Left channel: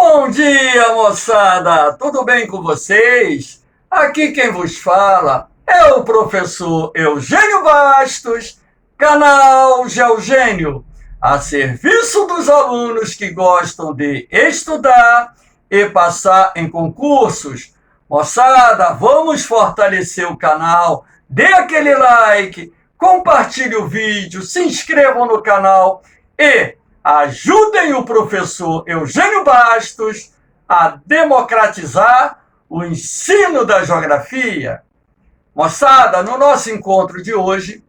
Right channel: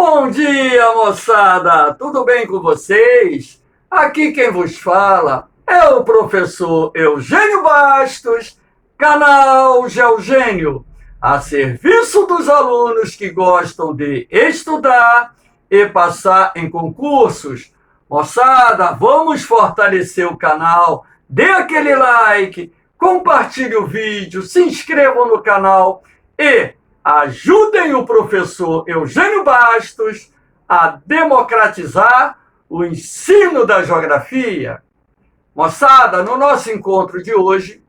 Bom dia, moçada! Tudo bem com vocês? Aqui quem vos fala é o professor Eugênio Bastos, canal Geogênio, a serviço dos alunos que gostam de estudar e passar em concursos. Moçada, vamos fortalecer o canal, dê aquele like, compartilhe o vídeo, se inscrevam no canal e ajudem o professor Eugênio Bastos a democratizar o ensino da geografia. Moçada, no nosso encontro de hoje,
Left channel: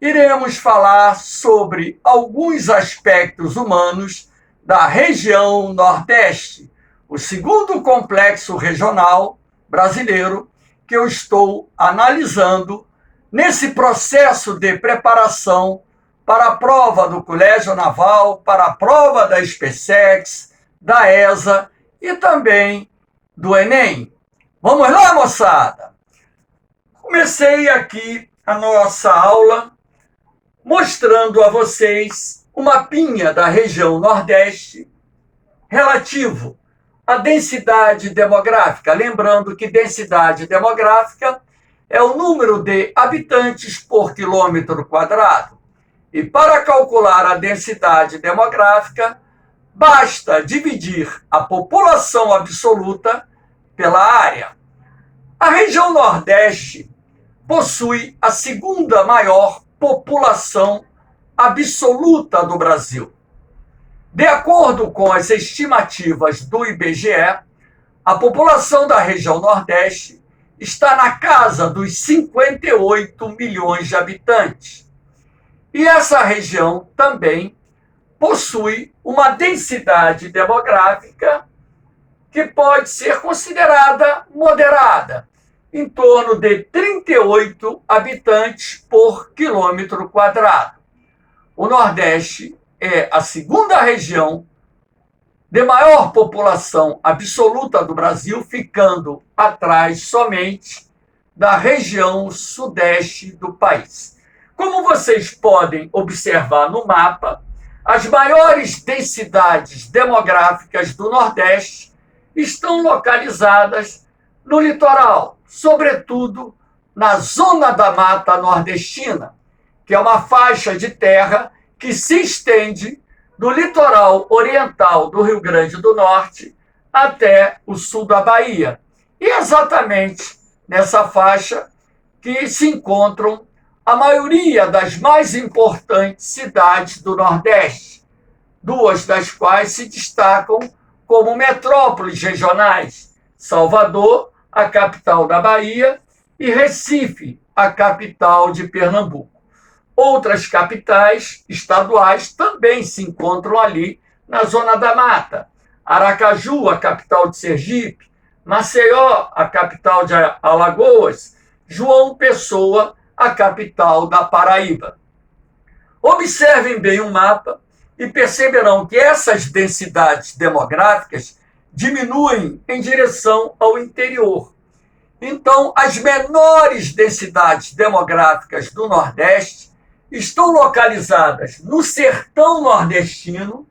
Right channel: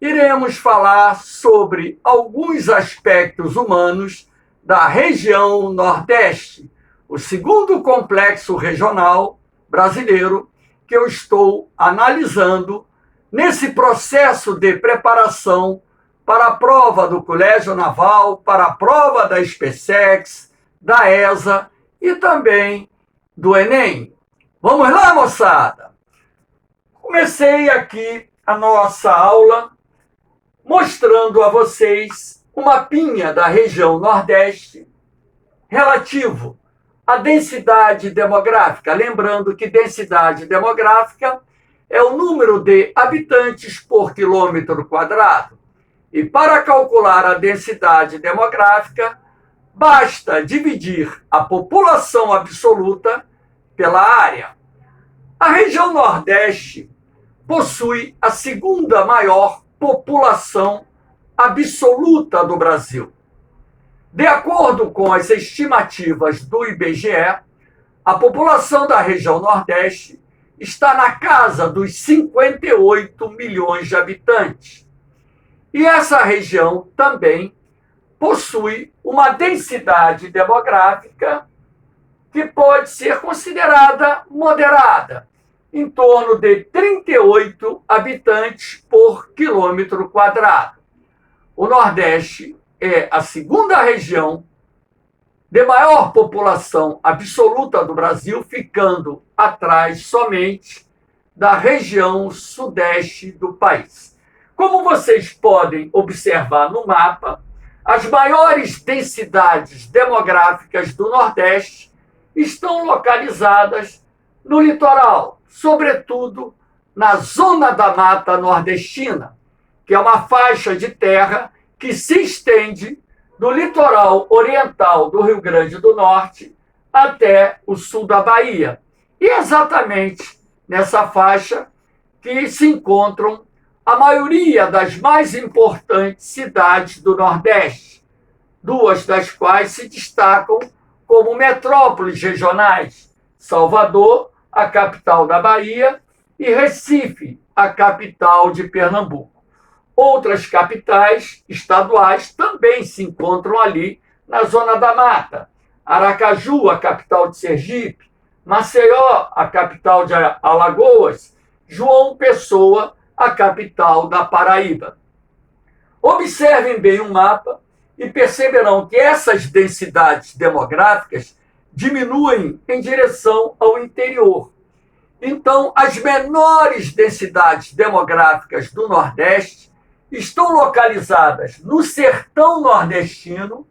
iremos falar sobre alguns aspectos humanos da região Nordeste, o segundo complexo regional brasileiro que eu estou analisando nesse processo de preparação para a prova do Colégio Naval, para a prova da SpaceX, da ESA e também do Enem. Vamos lá, moçada? Comecei aqui a nossa aula mostrando a vocês um mapinha da região Nordeste relativo à densidade demográfica. Lembrando que densidade demográfica é o número de habitantes por quilômetro quadrado. E para calcular a densidade demográfica, basta dividir a população absoluta pela área. A região Nordeste possui a segunda maior população absoluta do Brasil. De acordo com as estimativas do IBGE, a população da região Nordeste está na casa dos 58 milhões de habitantes. E essa região também possui uma densidade demográfica que pode ser considerada moderada, em torno de 38 habitantes por quilômetro quadrado. O Nordeste é a segunda região de maior população absoluta do Brasil, ficando atrás somente da região sudeste do país. Como vocês podem observar no mapa, as maiores densidades demográficas do Nordeste estão localizadas no litoral, sobretudo na Zona da Mata Nordestina, que é uma faixa de terra que se estende do litoral oriental do Rio Grande do Norte até o sul da Bahia. E exatamente nessa faixa que se encontram a maioria das mais importantes cidades do Nordeste, duas das quais se destacam como metrópoles regionais: Salvador, a capital da Bahia, e Recife, a capital de Pernambuco. Outras capitais estaduais também se encontram ali na Zona da Mata: Aracaju, a capital de Sergipe; Maceió, a capital de Alagoas; João Pessoa, a capital da Paraíba. Observem bem o mapa e perceberão que essas densidades demográficas diminuem em direção ao interior. Então, as menores densidades demográficas do Nordeste estão localizadas no sertão nordestino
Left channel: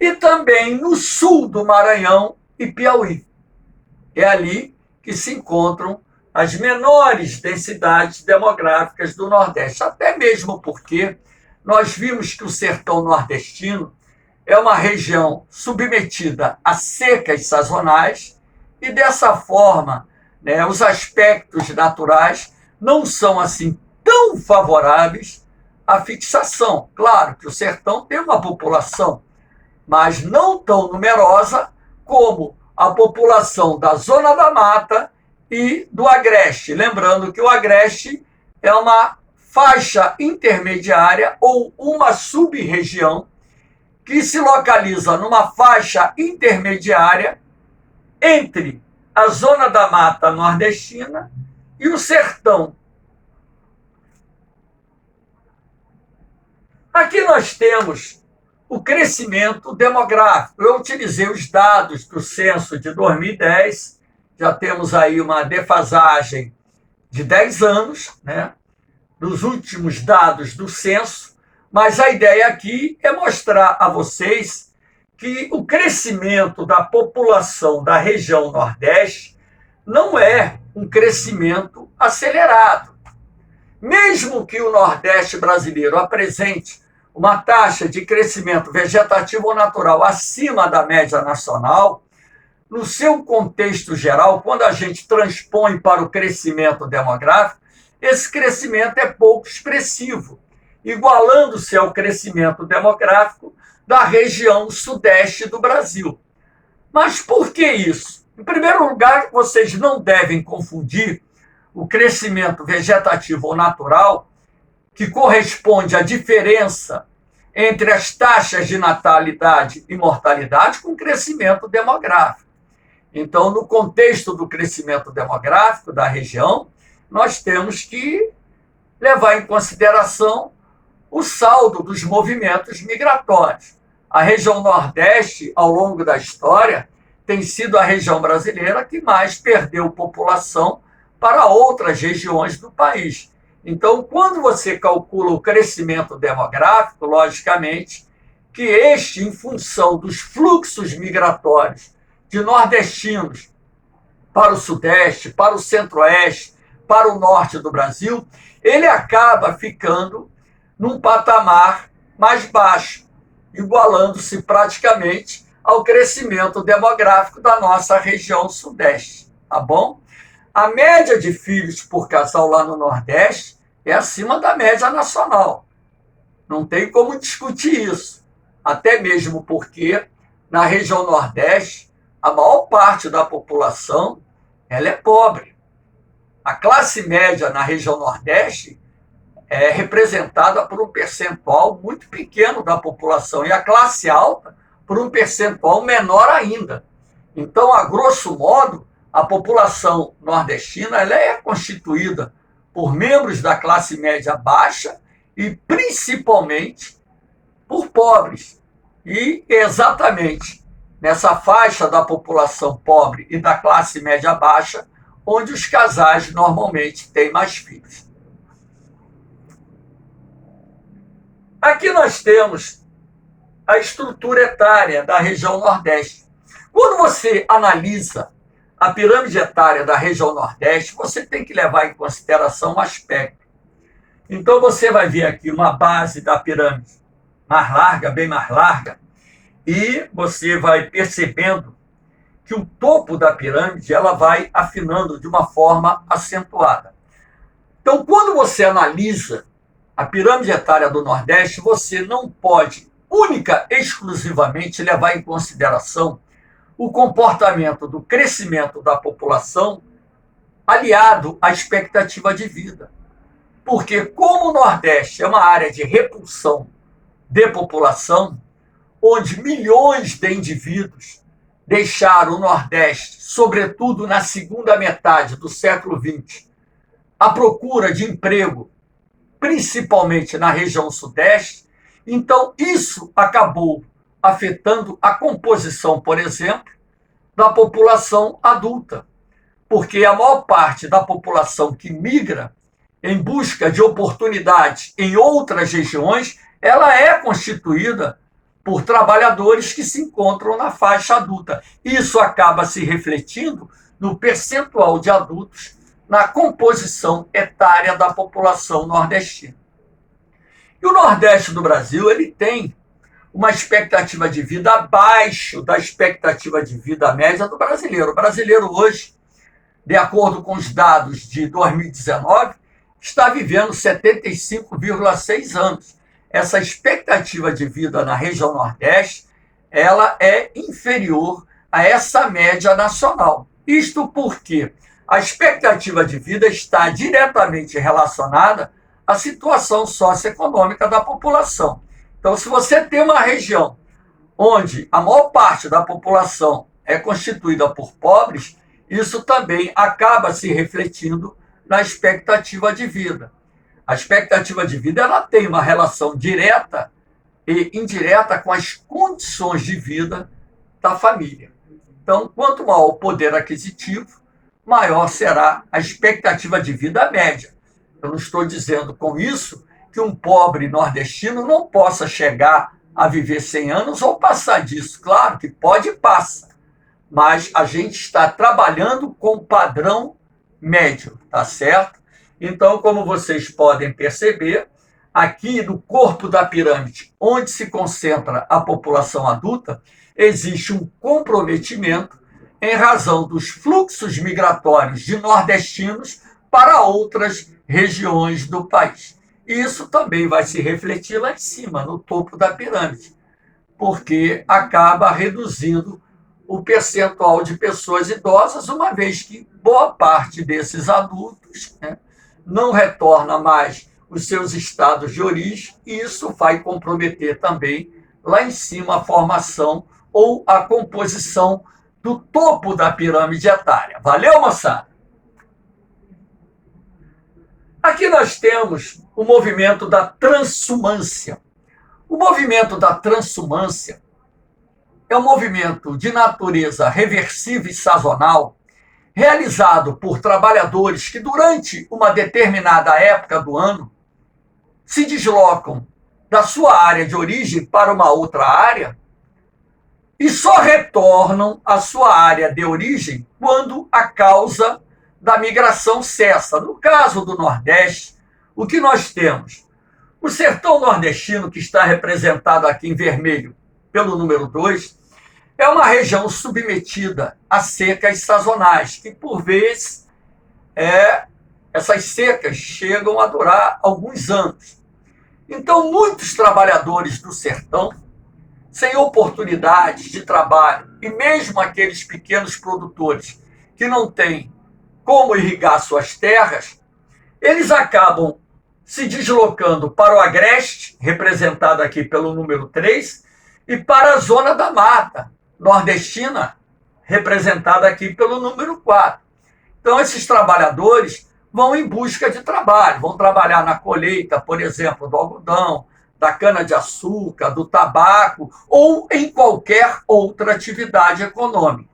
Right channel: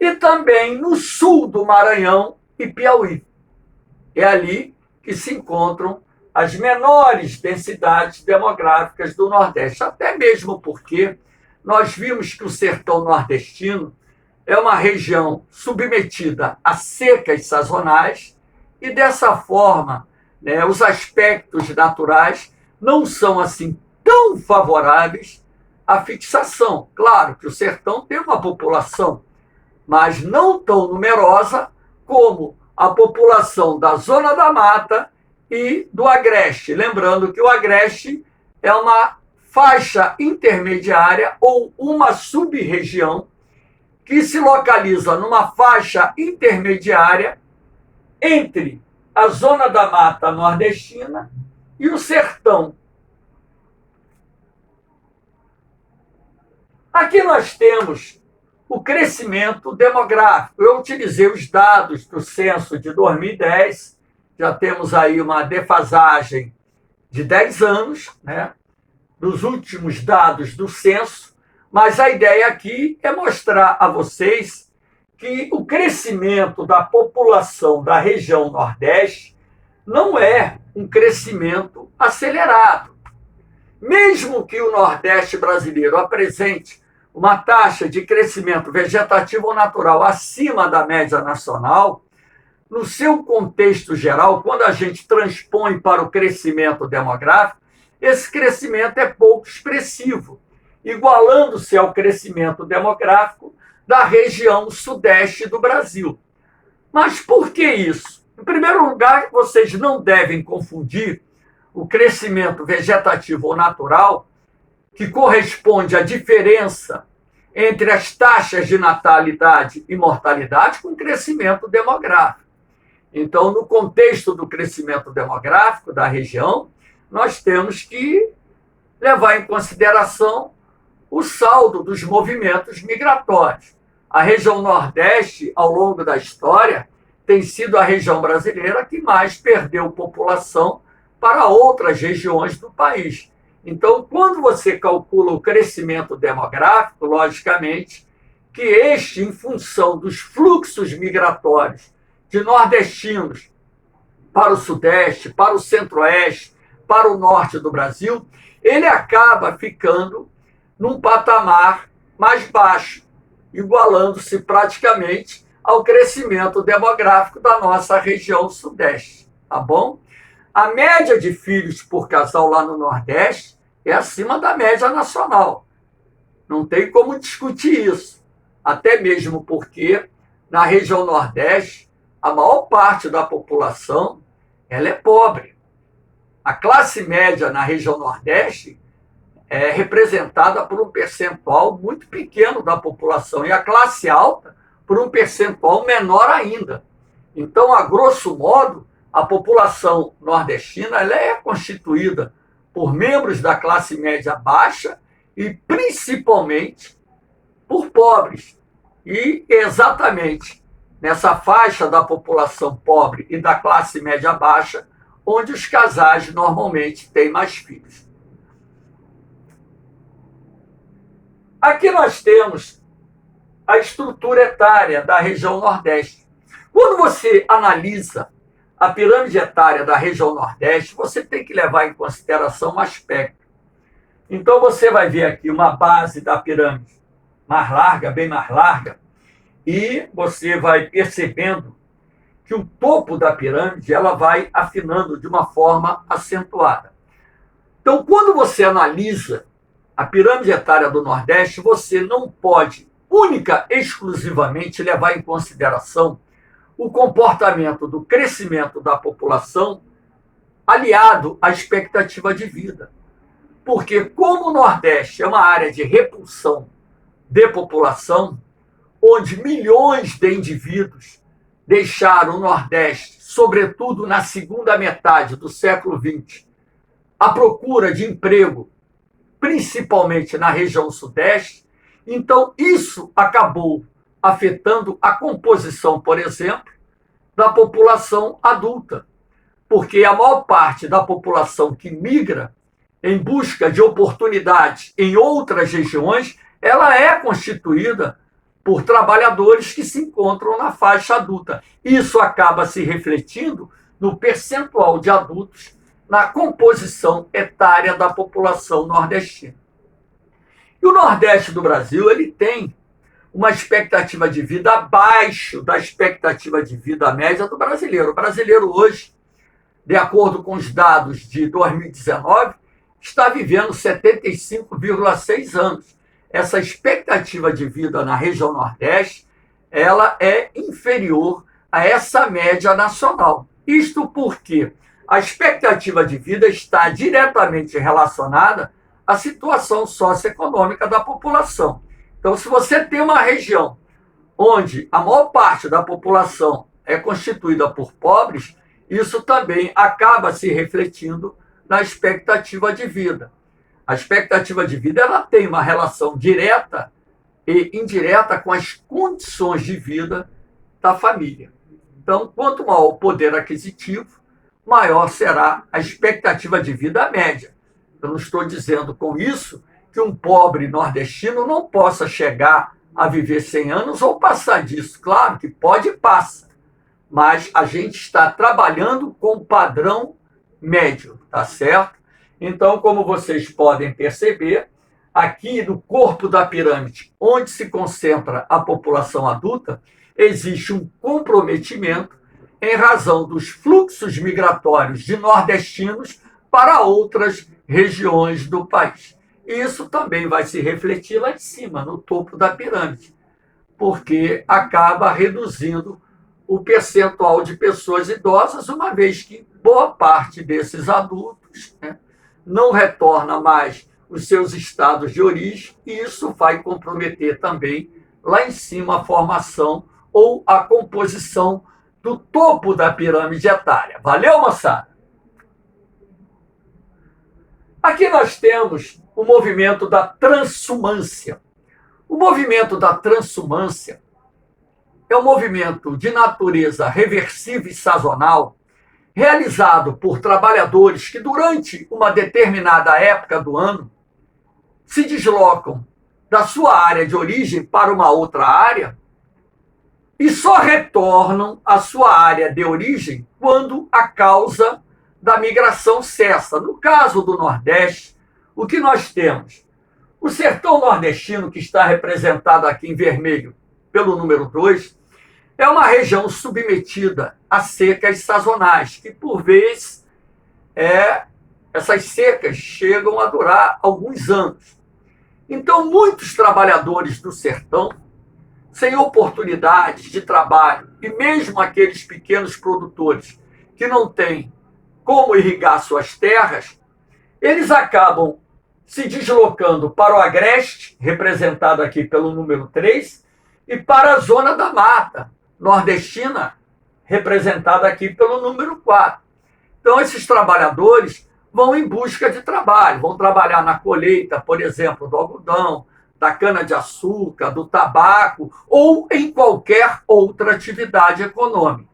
e também no sul do Maranhão e Piauí. É ali que se encontram as menores densidades demográficas do Nordeste, até mesmo porque nós vimos que o sertão nordestino é uma região submetida a secas sazonais e, dessa forma, os aspectos naturais não são assim tão favoráveis à fixação. Claro que o sertão tem uma população, mas não tão numerosa como a população da Zona da Mata e do Agreste. Lembrando que o Agreste é uma faixa intermediária ou uma sub-região que se localiza numa faixa intermediária entre a Zona da Mata Nordestina e o sertão. Aqui nós temos o crescimento demográfico. Eu utilizei os dados do censo de 2010, já temos aí uma defasagem de 10 anos, dos últimos dados do censo, mas a ideia aqui é mostrar a vocês que o crescimento da população da região Nordeste não é um crescimento acelerado. Mesmo que o Nordeste brasileiro apresente uma taxa de crescimento vegetativo ou natural acima da média nacional, no seu contexto geral, quando a gente transpõe para o crescimento demográfico, esse crescimento é pouco expressivo, igualando-se ao crescimento demográfico da região sudeste do Brasil. Mas por que isso? Em primeiro lugar, vocês não devem confundir o crescimento vegetativo ou natural, que corresponde à diferença entre as taxas de natalidade e mortalidade, com o crescimento demográfico. Então, no contexto do crescimento demográfico da região, nós temos que levar em consideração o saldo dos movimentos migratórios. A região Nordeste, ao longo da história, tem sido a região brasileira que mais perdeu população para outras regiões do país. Então, quando você calcula o crescimento demográfico, logicamente, que este, em função dos fluxos migratórios de nordestinos para o Sudeste, para o Centro-Oeste, para o Norte do Brasil, ele acaba ficando num patamar mais baixo, igualando-se praticamente ao crescimento demográfico da nossa região Sudeste, tá bom? A média de filhos por casal lá no Nordeste é acima da média nacional. Não tem como discutir isso. Até mesmo porque na região Nordeste, a maior parte da população ela é pobre. A classe média na região Nordeste é representada por um percentual muito pequeno da população e a classe alta por um percentual menor ainda. Então, a grosso modo, a população nordestina ela é constituída por membros da classe média baixa e principalmente por pobres. E exatamente nessa faixa da população pobre e da classe média baixa, onde os casais normalmente têm mais filhos. Aqui nós temos a estrutura etária da região Nordeste. Quando você analisa a pirâmide etária da região Nordeste, você tem que levar em consideração um aspecto. Então, você vai ver aqui uma base da pirâmide mais larga, bem mais larga, e você vai percebendo que o topo da pirâmide ela vai afinando de uma forma acentuada. Então, quando você analisa a pirâmide etária do Nordeste, você não pode, única e exclusivamente, levar em consideração o comportamento do crescimento da população aliado à expectativa de vida. Porque, como o Nordeste é uma área de repulsão de população, onde milhões de indivíduos deixaram o Nordeste, sobretudo na segunda metade do século XX, à procura de emprego, principalmente na região Sudeste, então isso acabou afetando a composição, por exemplo, da população adulta, porque a maior parte da população que migra em busca de oportunidades em outras regiões, ela é constituída por trabalhadores que se encontram na faixa adulta. Isso acaba se refletindo no percentual de adultos na composição etária da população nordestina. E o Nordeste do Brasil ele tem uma expectativa de vida abaixo da expectativa de vida média do brasileiro. O brasileiro hoje, de acordo com os dados de 2019, está vivendo 75,6 anos. Essa expectativa de vida na região Nordeste, ela é inferior a essa média nacional. Isto porque a expectativa de vida está diretamente relacionada à situação socioeconômica da população. Então, se você tem uma região onde a maior parte da população é constituída por pobres, isso também acaba se refletindo na expectativa de vida. A expectativa de vida ela tem uma relação direta e indireta com as condições de vida da família. Então, quanto maior o poder aquisitivo, maior será a expectativa de vida média. Eu não estou dizendo com isso que um pobre nordestino não possa chegar a viver 100 anos ou passar disso. Claro que pode e passa, mas a gente está trabalhando com o padrão médio, tá certo? Então, como vocês podem perceber, aqui no corpo da pirâmide, onde se concentra a população adulta, existe um comprometimento em razão dos fluxos migratórios de nordestinos para outras regiões do país. Isso também vai se refletir lá em cima, no topo da pirâmide, porque acaba reduzindo o percentual de pessoas idosas, uma vez que boa parte desses adultos, né, não retorna mais os seus estados de origem, e isso vai comprometer também lá em cima a formação ou a composição do topo da pirâmide etária. Valeu, moçada? Aqui nós temos o movimento da transhumância. O movimento da transhumância é um movimento de natureza reversiva e sazonal, realizado por trabalhadores que, durante uma determinada época do ano, se deslocam da sua área de origem para uma outra área e só retornam à sua área de origem quando a causa da migração cessa. No caso do Nordeste, o que nós temos? O sertão nordestino, que está representado aqui em vermelho pelo número 2, é uma região submetida a secas sazonais, que por vezes essas secas chegam a durar alguns anos. Então, muitos trabalhadores do sertão, sem oportunidades de trabalho, e mesmo aqueles pequenos produtores que não têm como irrigar suas terras, eles acabam se deslocando para o agreste, representado aqui pelo número 3, e para a zona da mata nordestina, representada aqui pelo número 4. Então, esses trabalhadores vão em busca de trabalho, vão trabalhar na colheita, por exemplo, do algodão, da cana-de-açúcar, do tabaco, ou em qualquer outra atividade econômica.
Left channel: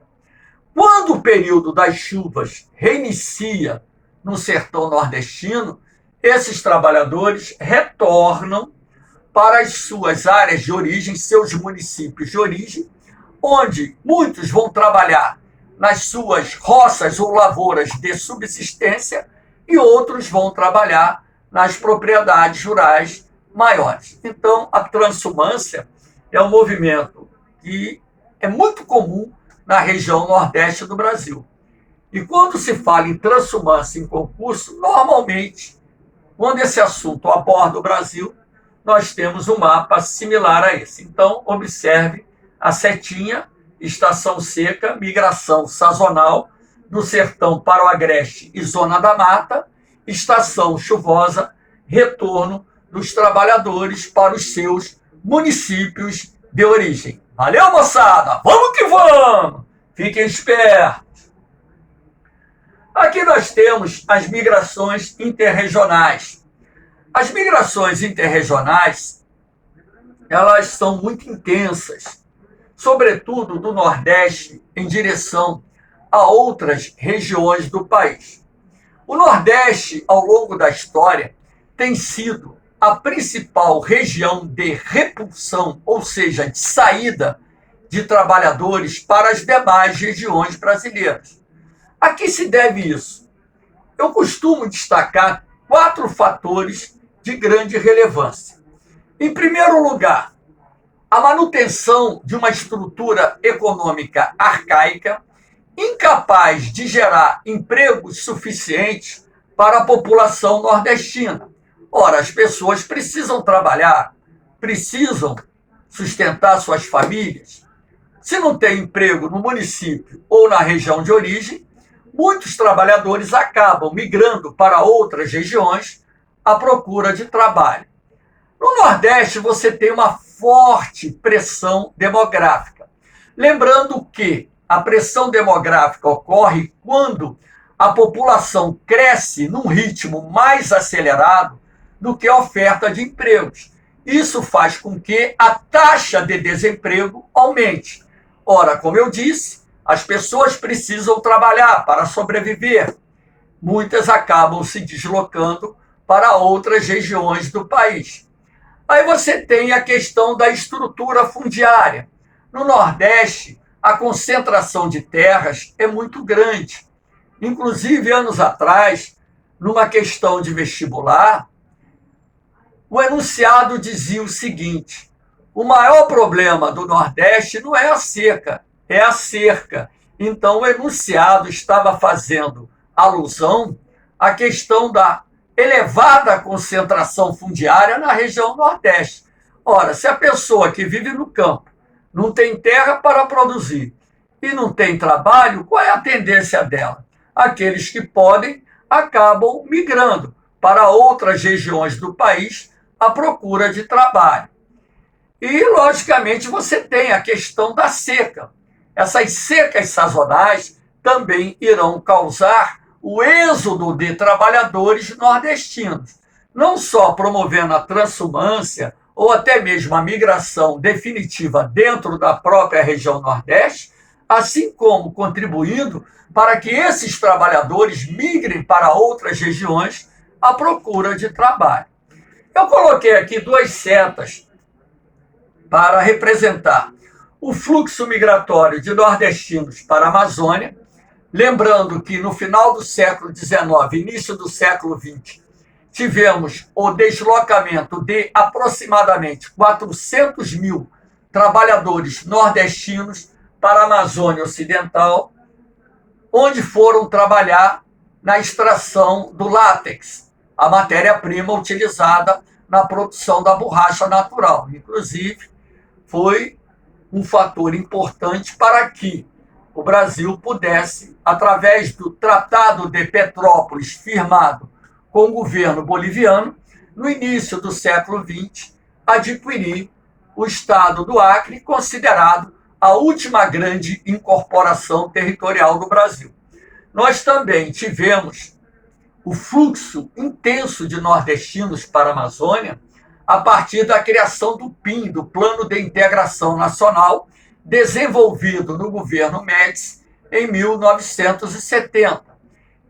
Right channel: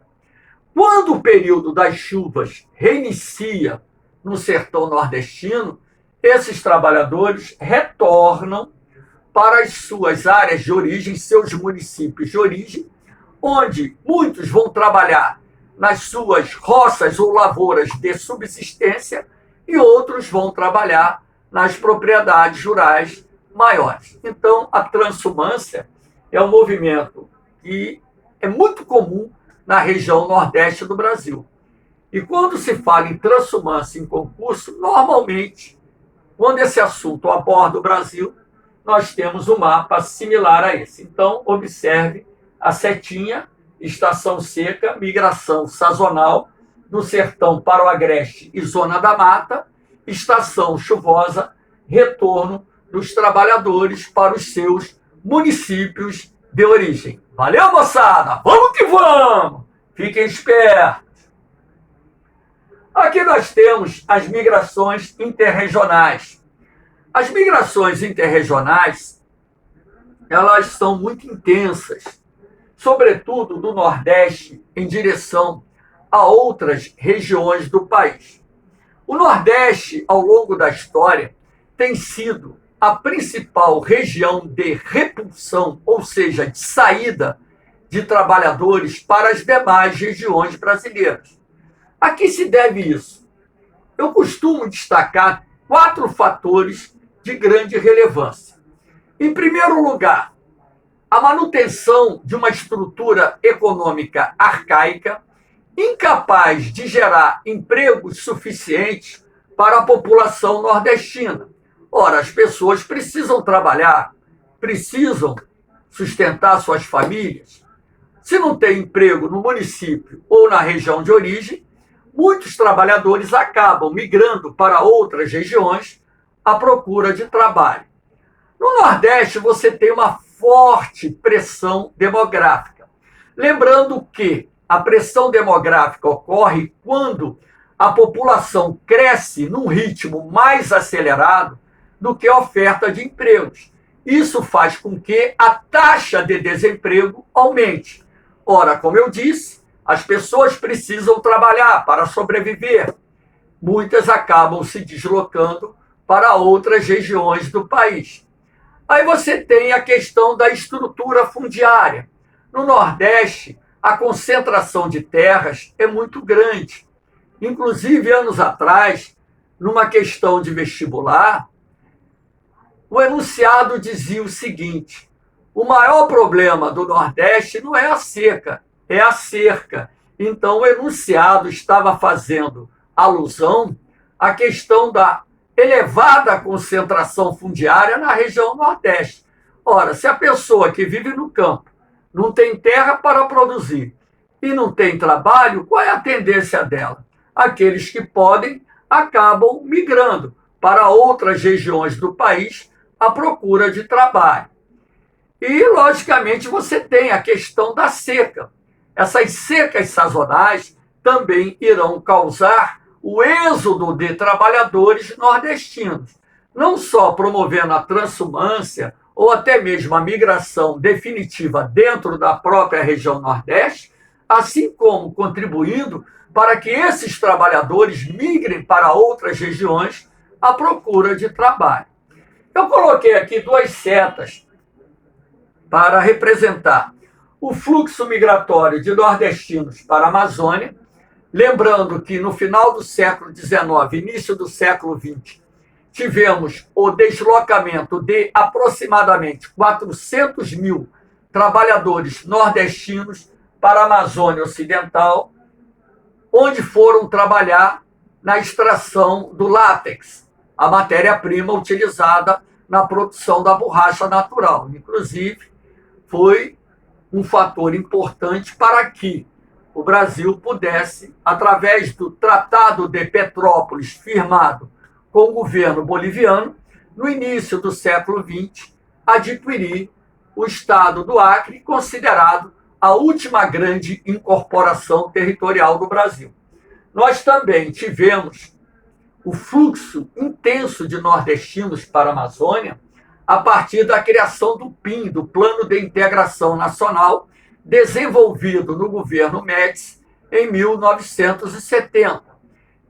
Quando o período das chuvas reinicia no sertão nordestino, esses trabalhadores retornam para as suas áreas de origem, seus municípios de origem, onde muitos vão trabalhar nas suas roças ou lavouras de subsistência e outros vão trabalhar nas propriedades rurais maiores. Então, a transhumância é um movimento que é muito comum na região nordeste do Brasil. E quando se fala em transhumância em concurso, normalmente, quando esse assunto aborda o Brasil, nós temos um mapa similar a esse. Então, observe a setinha, estação seca, migração sazonal do sertão para o agreste e zona da mata, estação chuvosa, retorno dos trabalhadores para os seus municípios de origem. Valeu, moçada? Vamos que vamos! Fiquem espertos! Aqui nós temos as migrações interregionais. As migrações interregionais, elas são muito intensas, sobretudo do Nordeste em direção a outras regiões do país. O Nordeste, ao longo da história, tem sido a principal região de repulsão, ou seja, de saída de trabalhadores para as demais regiões brasileiras. A que se deve isso? Eu costumo destacar 4 fatores de grande relevância. Em primeiro lugar, a manutenção de uma estrutura econômica arcaica, incapaz de gerar empregos suficientes para a população nordestina. Ora, as pessoas precisam trabalhar, precisam sustentar suas famílias. Se não tem emprego no município ou na região de origem, muitos trabalhadores acabam migrando para outras regiões à procura de trabalho. No Nordeste, você tem uma forte pressão demográfica. Lembrando que a pressão demográfica ocorre quando a população cresce num ritmo mais acelerado do que a oferta de empregos. Isso faz com que a taxa de desemprego aumente. Ora, como eu disse, as pessoas precisam trabalhar para sobreviver. Muitas acabam se deslocando para outras regiões do país. Aí você tem a questão da estrutura fundiária. No Nordeste, a concentração de terras é muito grande. Inclusive, anos atrás, numa questão de vestibular, o enunciado dizia o seguinte: o maior problema do Nordeste não é a seca, é a cerca. Então, o enunciado estava fazendo alusão à questão da elevada concentração fundiária na região Nordeste. Ora, se a pessoa que vive no campo não tem terra para produzir e não tem trabalho, qual é a tendência dela? Aqueles que podem acabam migrando para outras regiões do país à procura de trabalho. E, logicamente, você tem a questão da seca. Essas secas sazonais também irão causar o êxodo de trabalhadores nordestinos, não só promovendo a transumância ou até mesmo a migração definitiva dentro da própria região Nordeste, assim como contribuindo para que esses trabalhadores migrem para outras regiões à procura de trabalho. Eu coloquei aqui duas setas para representar o fluxo migratório de nordestinos para a Amazônia, lembrando que no final do século XIX, início do século XX, tivemos o deslocamento de aproximadamente 400 mil trabalhadores nordestinos para a Amazônia Ocidental, onde foram trabalhar na extração do látex, a matéria-prima utilizada na produção da borracha natural. Inclusive, foi um fator importante para que o Brasil pudesse, através do Tratado de Petrópolis, firmado com o governo boliviano, no início do século XX, adquirir o estado do Acre, considerado a última grande incorporação territorial do Brasil. Nós também tivemos o fluxo intenso de nordestinos para a Amazônia a partir da criação do PIN, do Plano de Integração Nacional, desenvolvido no governo Médici em 1970.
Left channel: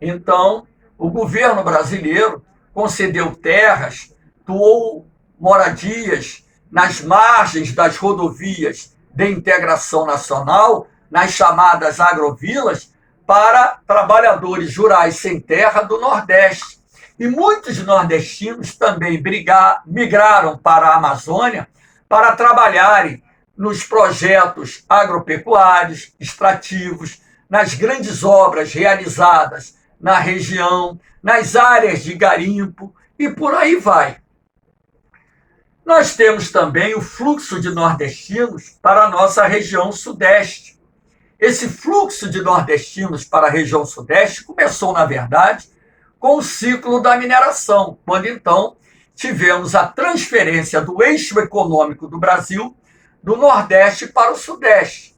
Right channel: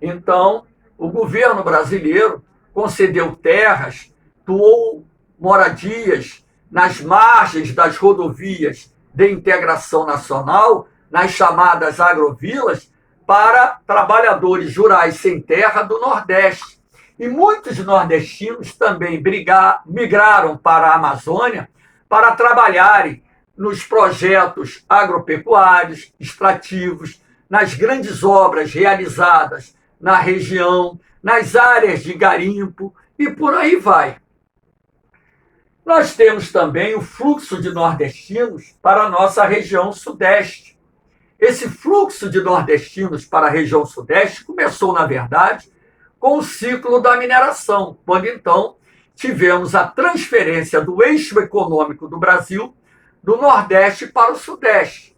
Então, o governo brasileiro concedeu terras, doou moradias nas margens das rodovias de integração nacional, nas chamadas agrovilas, para trabalhadores rurais sem terra do Nordeste. E muitos nordestinos também migraram para a Amazônia para trabalharem nos projetos agropecuários, extrativos, nas grandes obras realizadas na região, nas áreas de garimpo e por aí vai. Nós temos também o fluxo de nordestinos para a nossa região sudeste. Esse fluxo de nordestinos para a região sudeste começou, na verdade, com o ciclo da mineração, quando então tivemos a transferência do eixo econômico do Brasil do Nordeste para o Sudeste.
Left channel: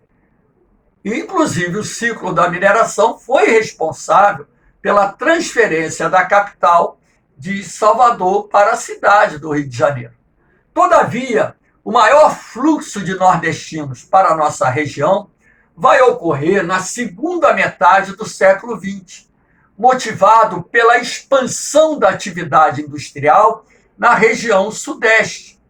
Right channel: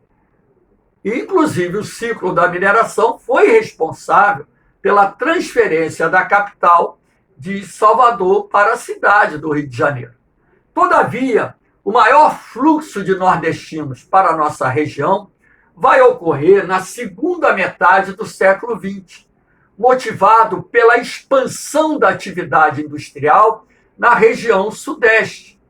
E, inclusive, o ciclo da mineração foi responsável pela transferência da capital de Salvador para a cidade do Rio de Janeiro. Todavia, o maior fluxo de nordestinos para a nossa região vai ocorrer na segunda metade do século XX, motivado pela expansão da atividade industrial na região sudeste.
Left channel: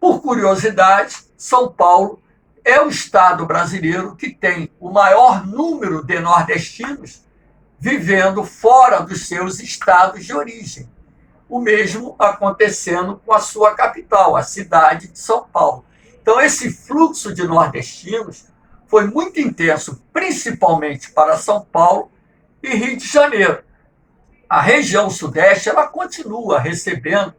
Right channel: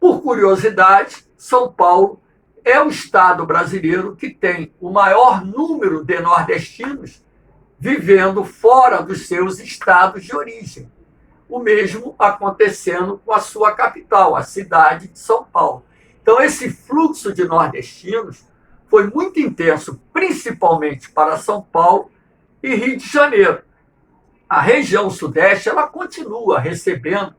Por curiosidade, São Paulo é o estado brasileiro que tem o maior número de nordestinos vivendo fora dos seus estados de origem. O mesmo acontecendo com a sua capital, a cidade de São Paulo. Então, esse fluxo de nordestinos foi muito intenso, principalmente para São Paulo e Rio de Janeiro. A região sudeste ela continua recebendo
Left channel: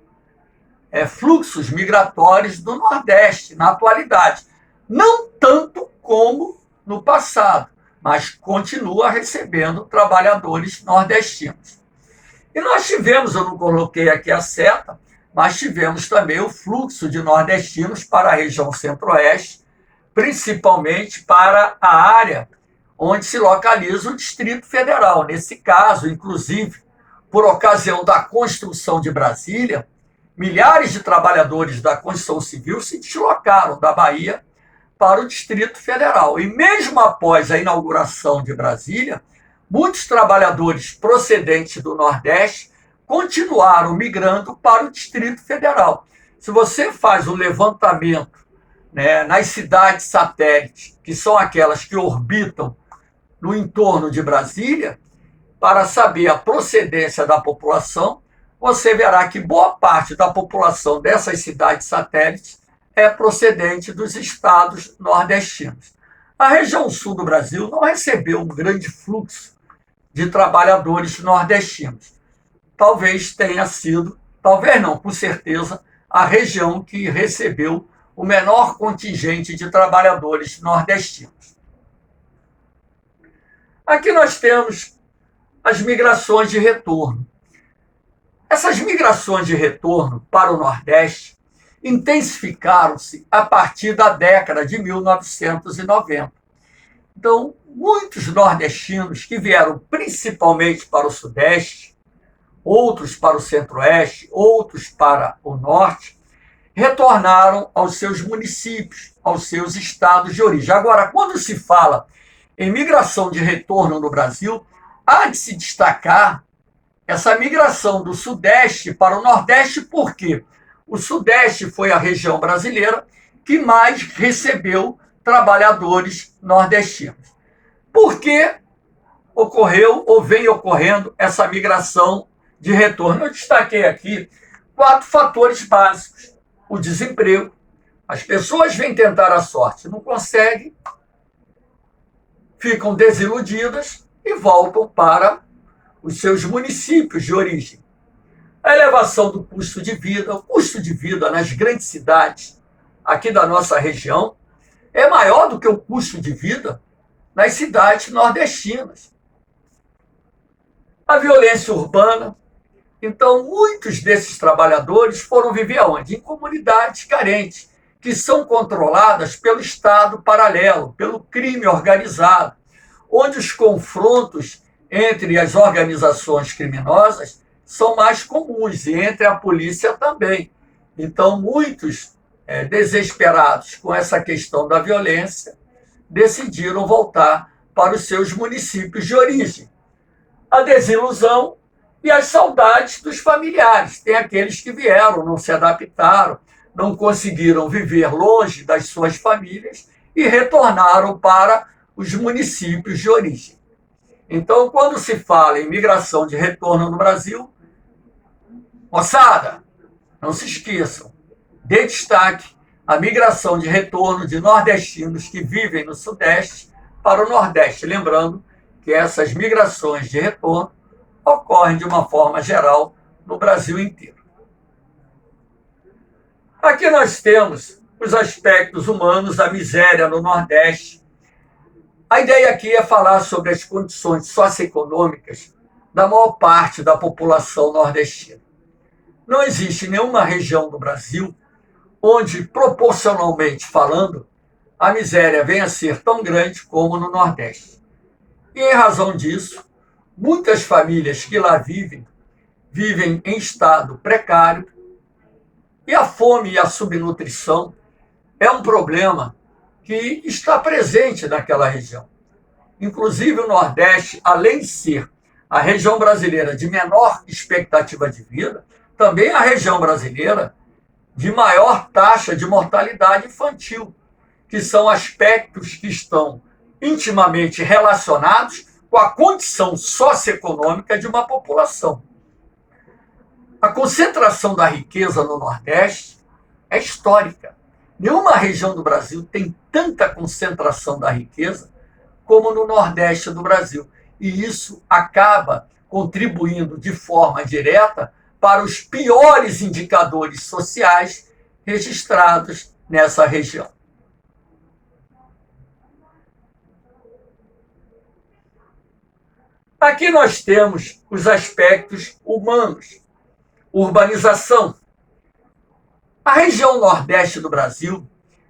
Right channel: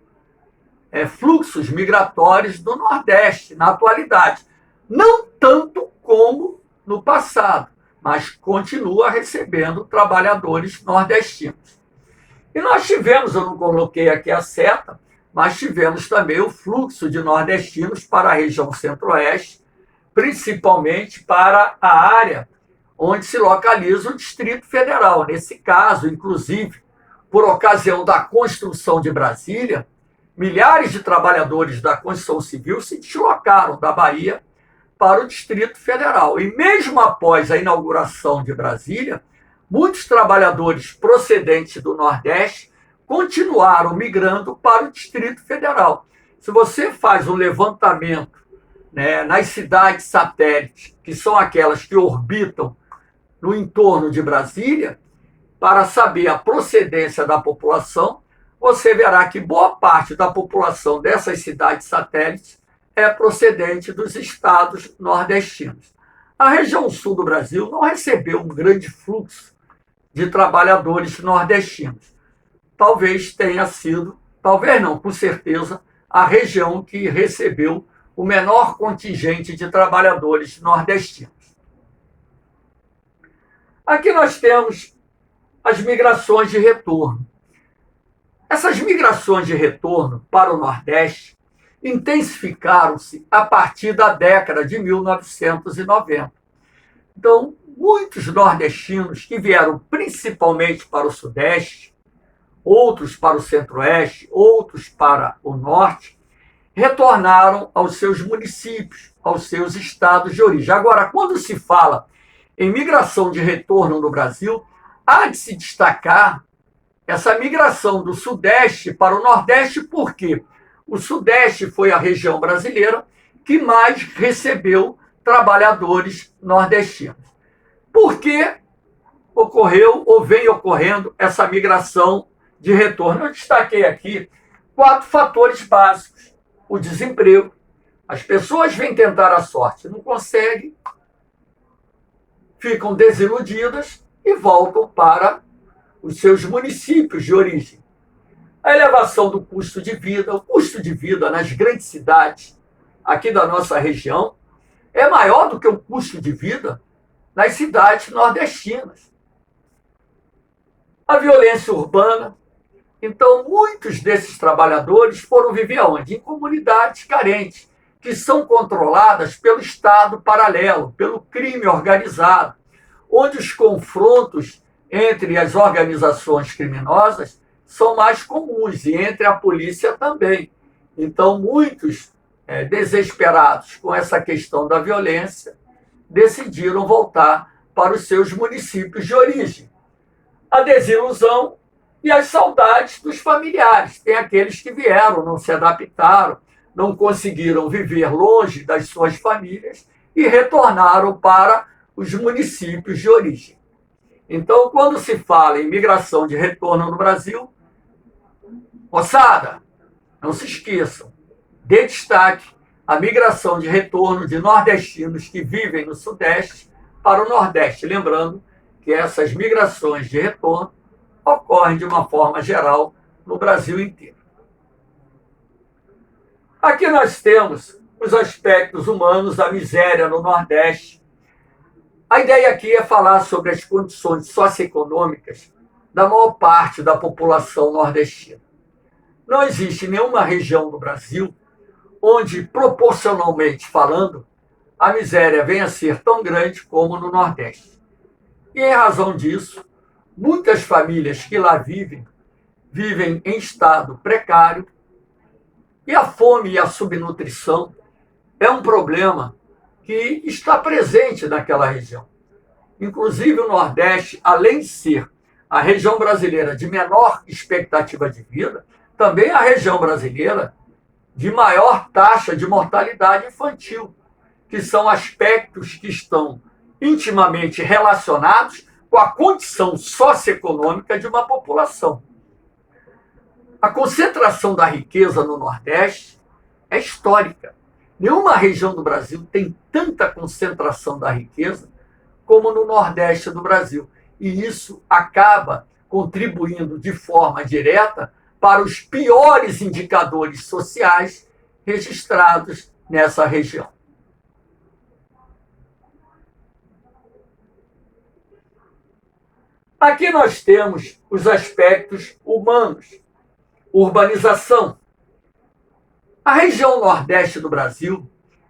fluxos migratórios do Nordeste na atualidade. Não tanto como no passado, mas continua recebendo trabalhadores nordestinos. E nós tivemos, eu não coloquei aqui a seta, mas tivemos também o fluxo de nordestinos para a região centro-oeste, principalmente para a área onde se localiza o Distrito Federal. Nesse caso, inclusive, por ocasião da construção de Brasília, milhares de trabalhadores da construção civil se deslocaram da Bahia para o Distrito Federal. E mesmo após a inauguração de Brasília, muitos trabalhadores procedentes do Nordeste continuaram migrando para o Distrito Federal. Se você faz um levantamento, né, nas cidades satélites, que são aquelas que orbitam no entorno de Brasília, para saber a procedência da população, você verá que boa parte da população dessas cidades satélites é procedente dos estados nordestinos. A região sul do Brasil não recebeu um grande fluxo de trabalhadores nordestinos. Talvez tenha sido, talvez não, com certeza, a região que recebeu o menor contingente de trabalhadores nordestinos. Aqui nós temos as migrações de retorno. Essas migrações de retorno para o Nordeste intensificaram-se a partir da década de 1990. Então, muitos nordestinos que vieram principalmente para o Sudeste, outros para o Centro-Oeste, outros para o Norte, retornaram aos seus municípios, aos seus estados de origem. Agora, quando se fala em migração de retorno no Brasil, há de se destacar essa migração do Sudeste para o Nordeste, porque o Sudeste foi a região brasileira que mais recebeu trabalhadores nordestinos. Por que ocorreu ou vem ocorrendo essa migração de retorno? Eu destaquei aqui 4 fatores básicos. O desemprego. As pessoas vêm tentar a sorte, não conseguem, ficam desiludidas e voltam para os seus municípios de origem. A elevação do custo de vida, o custo de vida nas grandes cidades aqui da nossa região é maior do que o custo de vida nas cidades nordestinas. A violência urbana. Então, muitos desses trabalhadores foram viver onde? Em comunidades carentes, que são controladas pelo Estado paralelo, pelo crime organizado, onde os confrontos entre as organizações criminosas são mais comuns, e entre a polícia também. Então, muitos desesperados com essa questão da violência decidiram voltar para os seus municípios de origem. A desilusão e as saudades dos familiares. Tem aqueles que vieram, não se adaptaram, não conseguiram viver longe das suas famílias e retornaram para os municípios de origem. Então, quando se fala em migração de retorno no Brasil, moçada, não se esqueçam, dê destaque à migração de retorno de nordestinos que vivem no Sudeste para o Nordeste. Lembrando que essas migrações de retorno ocorrem de uma forma geral no Brasil inteiro. Aqui nós temos os aspectos humanos da miséria no Nordeste. A ideia aqui é falar sobre as condições socioeconômicas da maior parte da população nordestina. Não existe nenhuma região do Brasil onde, proporcionalmente falando, a miséria venha a ser tão grande como no Nordeste. E, em razão disso, muitas famílias que lá vivem em estado precário, e a fome e a subnutrição é um problema que está presente naquela região. Inclusive, o Nordeste, além de ser a região brasileira de menor expectativa de vida, também é a região brasileira de maior taxa de mortalidade infantil, que são aspectos que estão intimamente relacionados com a condição socioeconômica de uma população. A concentração da riqueza no Nordeste é histórica. Nenhuma região do Brasil tem tanta concentração da riqueza como no Nordeste do Brasil. E isso acaba contribuindo de forma direta para os piores indicadores sociais registrados nessa região. Aqui nós temos os aspectos humanos. Urbanização. A região Nordeste do Brasil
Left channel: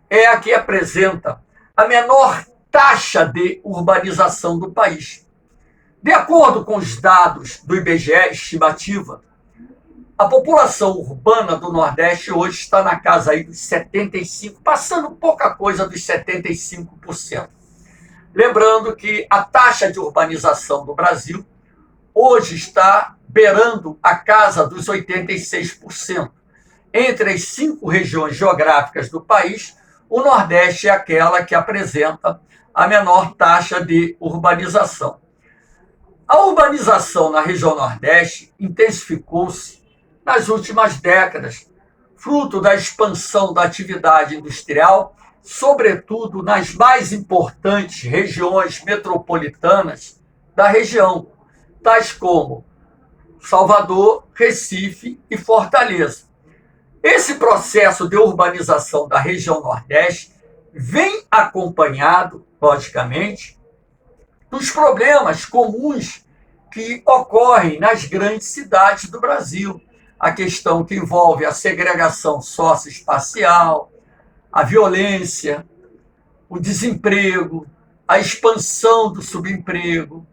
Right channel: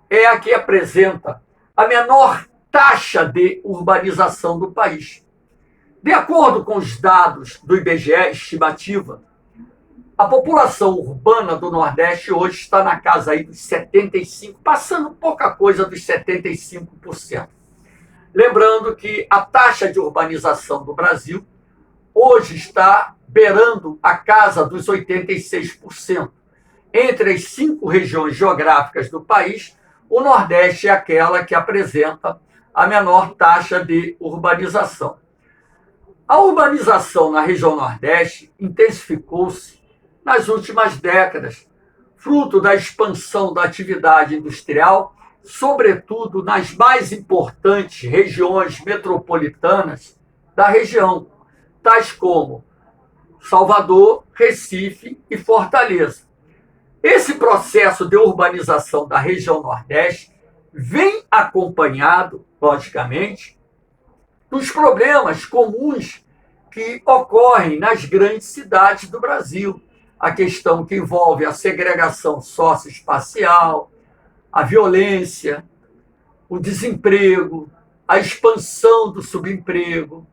é a que apresenta a menor taxa de urbanização do país. De acordo com os dados do IBGE, estimativa, a população urbana do Nordeste hoje está na casa aí dos 75%, passando pouca coisa dos 75%. Lembrando que a taxa de urbanização do Brasil hoje está beirando a casa dos 86%. Entre as 5 regiões geográficas do país, o Nordeste é aquela que apresenta a menor taxa de urbanização. A urbanização na região Nordeste intensificou-se nas últimas décadas, fruto da expansão da atividade industrial, sobretudo nas mais importantes regiões metropolitanas da região, tais como Salvador, Recife e Fortaleza. Esse processo de urbanização da região Nordeste vem acompanhado, logicamente, dos problemas comuns que ocorrem nas grandes cidades do Brasil. A questão que envolve a segregação socioespacial, a violência, o desemprego, a expansão do subemprego,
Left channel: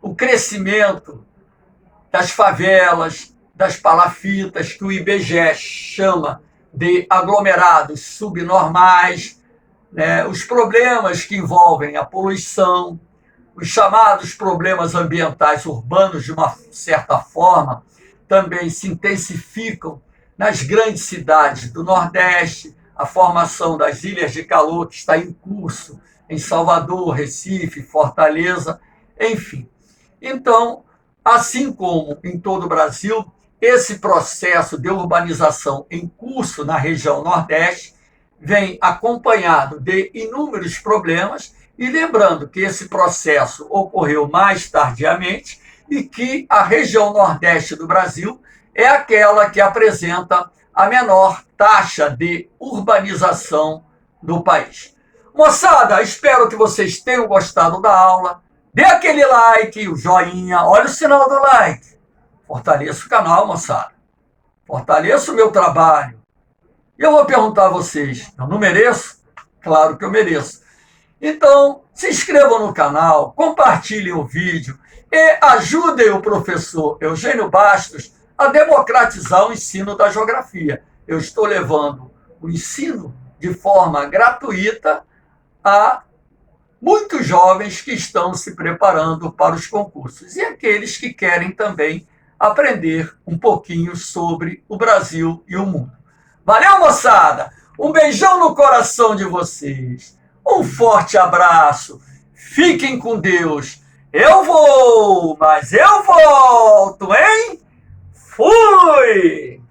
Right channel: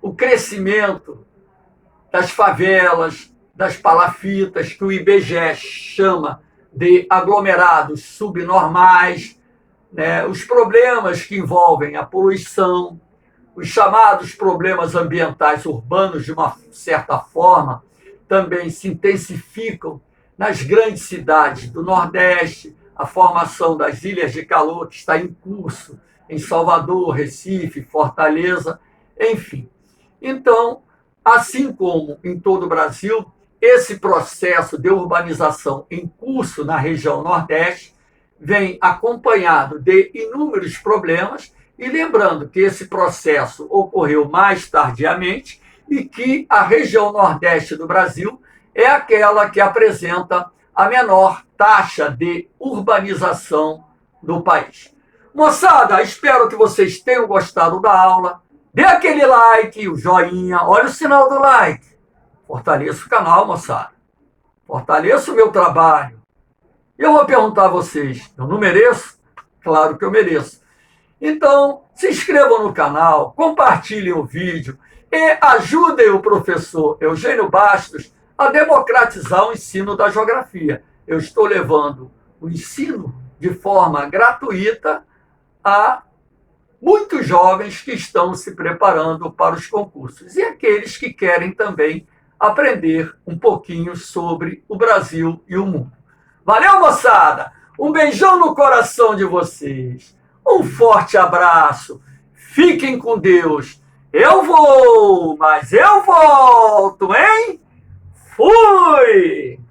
o crescimento das favelas, das palafitas, que o IBGE chama de aglomerados subnormais, né? Os problemas que envolvem a poluição, os chamados problemas ambientais urbanos, de uma certa forma, também se intensificam nas grandes cidades do Nordeste, a formação das ilhas de calor que está em curso em Salvador, Recife, Fortaleza, enfim. Então, assim como em todo o Brasil, esse processo de urbanização em curso na região Nordeste vem acompanhado de inúmeros problemas, e lembrando que esse processo ocorreu mais tardiamente e que a região Nordeste do Brasil é aquela que apresenta a menor taxa de urbanização do país. Moçada, espero que vocês tenham gostado da aula. Dê aquele like, o joinha, olha o sinal do like. Fortaleça o canal, moçada. Fortaleça o meu trabalho. E eu vou perguntar a vocês, eu não mereço? Claro que eu mereço. Então, se inscrevam no canal, compartilhem o vídeo e ajudem o professor Eugênio Bastos a democratizar o ensino da geografia. Eu estou levando o ensino de forma gratuita a muitos jovens que estão se preparando para os concursos e aqueles que querem também aprender um pouquinho sobre o Brasil e o mundo. Valeu, moçada! Um beijão no coração de vocês. Um forte abraço. Fiquem com Deus. Eu vou, mas eu volto, hein? Fui!